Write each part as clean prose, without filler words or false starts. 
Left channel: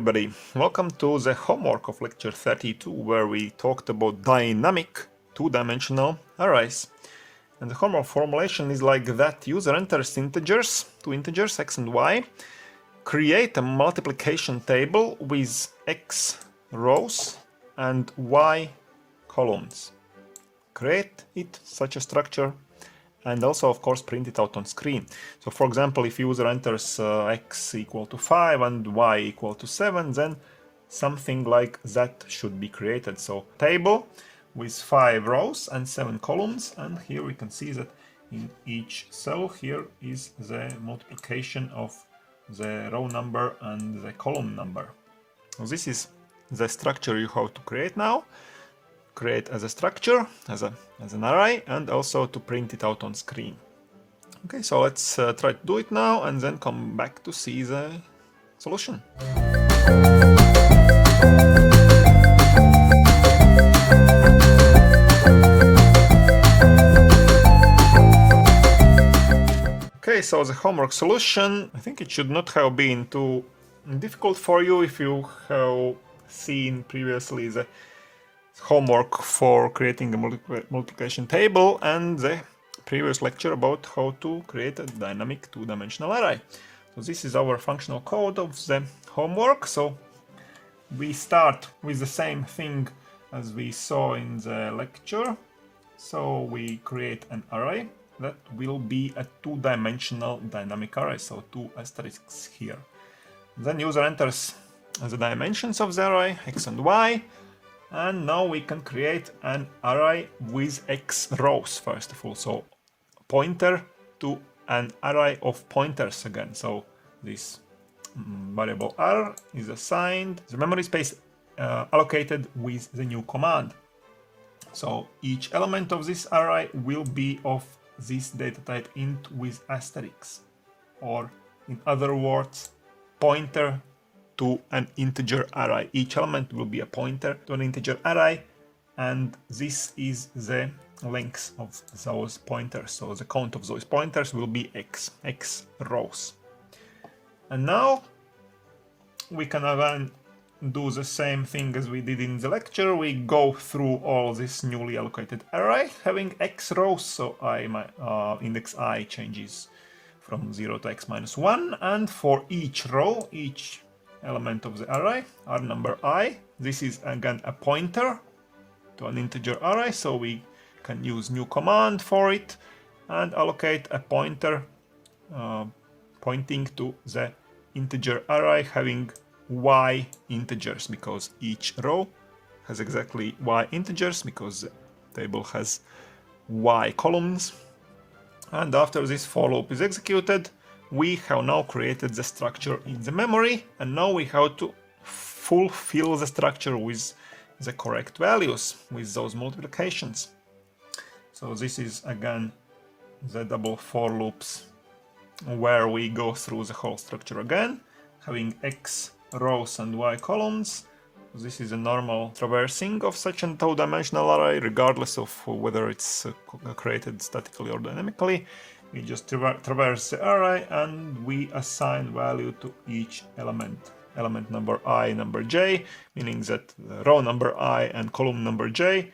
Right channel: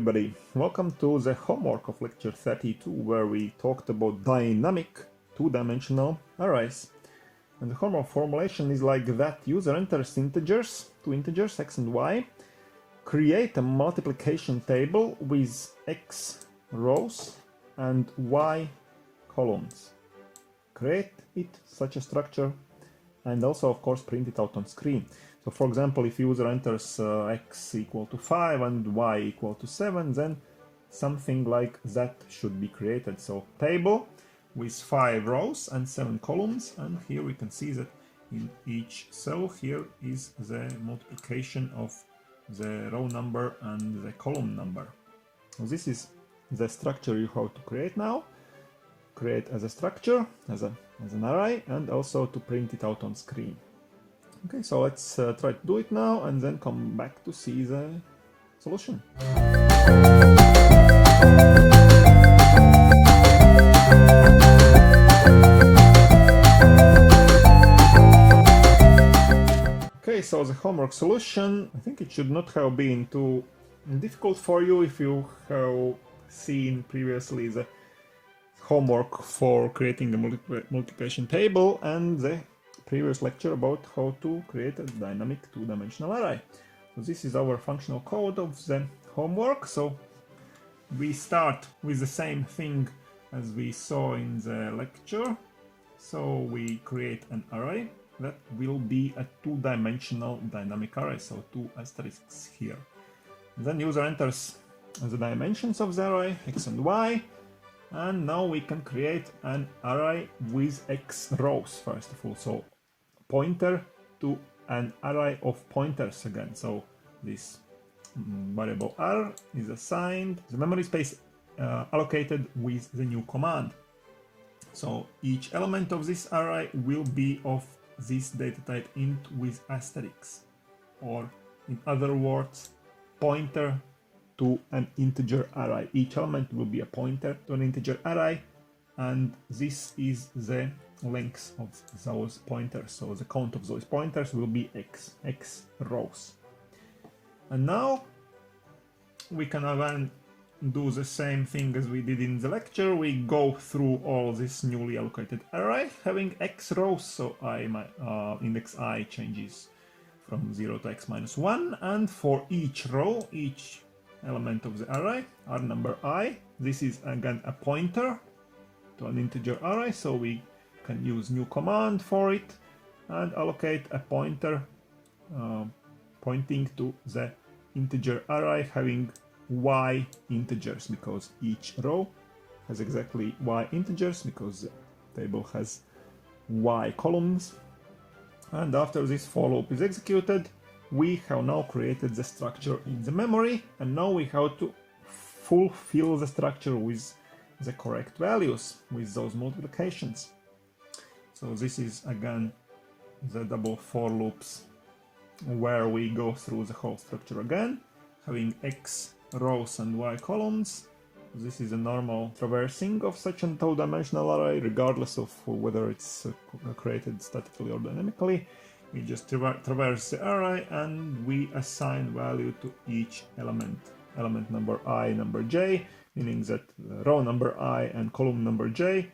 everybody, welcome to the homework of lecture 32 where we talked about dynamic two-dimensional arrays. And the homework formulation is like that: user enters two integers x and y, create a multiplication table with x rows and y columns. Create such a structure and also of course print it out on screen. So for example, if user enters x equal to 5 and y equal to 7, then something like that should be created. So table with 5 rows and 7 columns, and here we can see that in each cell here is the multiplication of the row number and the column number. So this is the structure you have to create now. Create as a structure, as an array, and also to print it out on screen. Okay, so let's try to do it now and then come back to see the solution. Okay, so the homework solution, I think it should not have been too difficult for you if you have seen previously the homework for creating a multiplication table and the previous lecture about how to create a dynamic two-dimensional array. So this is our functional code of the homework. So we start with the same thing as we saw in the lecture. So we create an array that will be a two-dimensional dynamic array, so 2 asterisks here. Then user enters the dimensions of the array, x and y. And now we can create an array with x rows first of all. So pointer to an array of pointers again. So this variable r is assigned the memory space allocated with the new command. So each element of this array will be of this data type int with asterisks, or in other words, pointer to an integer array. Each element will be a pointer to an integer array, and this is the length of those pointers. So the count of those pointers will be x rows. And now we can again do the same thing as we did in the lecture. We go through all this newly allocated array having x rows. So index I changes from 0 to x minus 1, and for each row, each element of the array, r number I, this is again a pointer to an integer array, so we can use new command for it and allocate a pointer pointing to the integer array having y integers, because each row has exactly y integers because the table has y columns. And after this for loop is executed, we have now created the structure in the memory, and now we have to fulfill the structure with the correct values with those multiplications. So this is again the double for loops where we go through the whole structure again, having x rows and y columns. This is a normal traversing of such a two-dimensional array, regardless of whether it's created statically or dynamically. We just traverse the array and we assign value to each element number I, number j, meaning that the row number I and column number j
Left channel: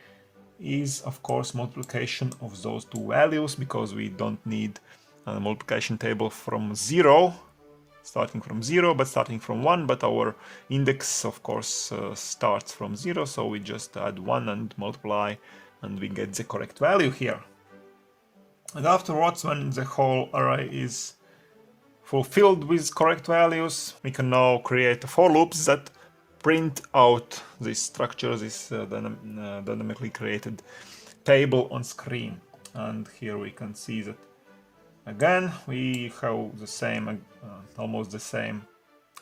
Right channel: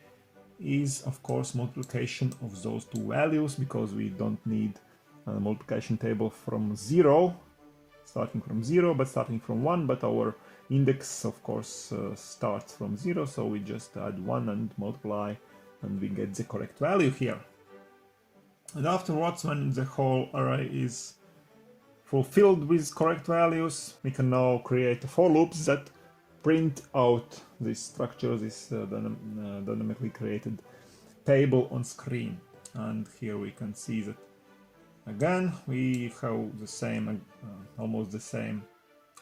is of course multiplication of those two values, because we don't need a multiplication table from 0, starting from 0, but starting from 1, but our index of course starts from 0, so we just add 1 and multiply and we get the correct value here. And afterwards, when the whole array is fulfilled with correct values, we can now create for loops that print out this structure, this dynamically created table on screen. And here we can see that again we have the same, almost the same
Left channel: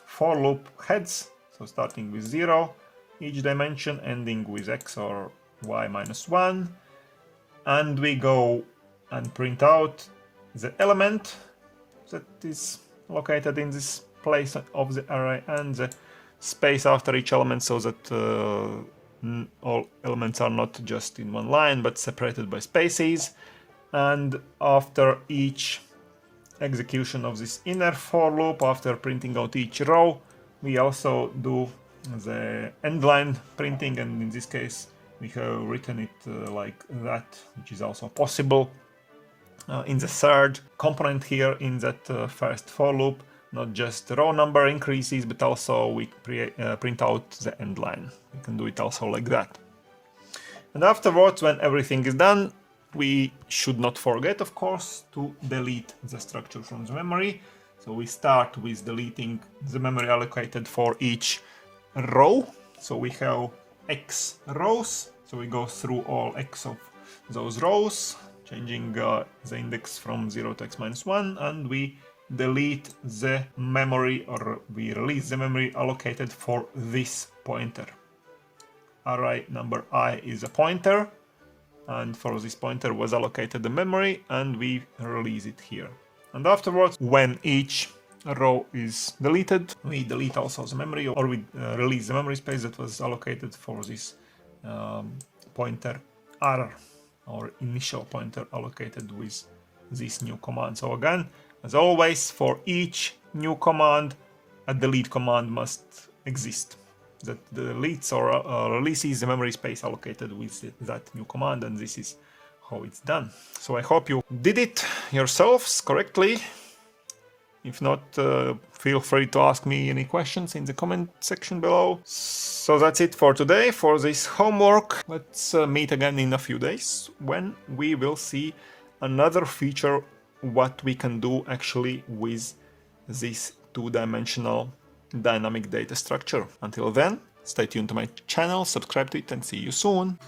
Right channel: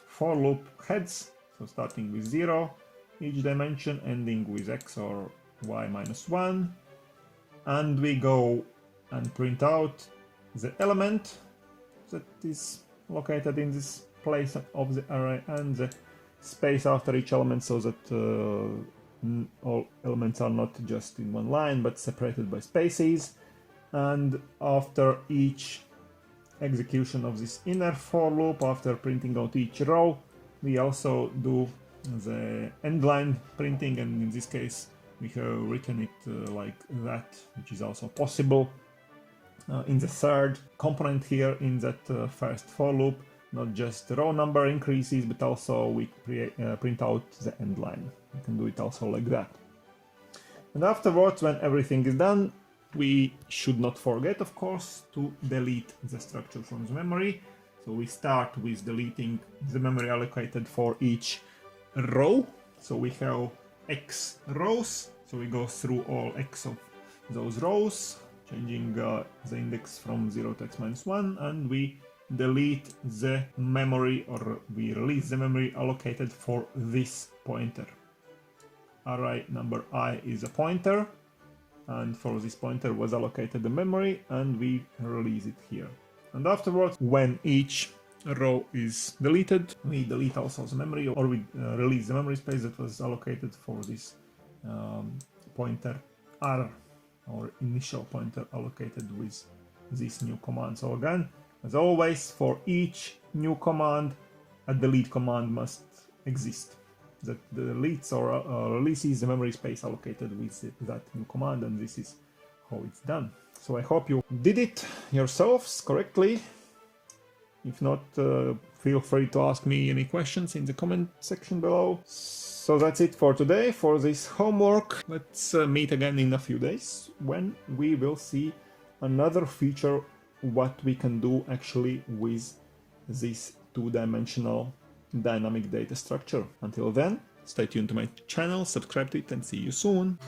for loop heads. So starting with 0, each dimension, ending with x or y minus 1, and we go and print out the element that is located in this place of the array and the space after each element, so that all elements are not just in one line but separated by spaces. And after each execution of this inner for loop, after printing out each row, we also do the end line printing, and in this case we have written it like that, which is also possible. In the third component here in that first for loop, not just the row number increases, but also we print out the end line. We can do it also like that. And afterwards, when everything is done, we should not forget, of course, to delete the structure from the memory. So we start with deleting the memory allocated for each row. So we have X rows. So we go through all X of those rows, changing the index from 0 to X minus 1, and we delete the memory, or we release the memory allocated for this pointer. Array number I is a pointer, and for this pointer was allocated the memory, and we release it here. And afterwards, when each row is deleted, we delete also the memory, or we release the memory space that was allocated for this pointer R, or initial pointer allocated with this new command. So again, as always, for each new command, a delete command must exist that deletes or releases the memory space allocated with that new command, and this is how it's done. So I hope you did it yourselves correctly. If not, feel free to ask me any questions in the comment section below. So that's it for today, for this homework. Let's meet again in a few days when we will see another feature, what we can do actually with this two-dimensional dynamic data structure. Until then, stay tuned to my channel, subscribe to it, and see you soon.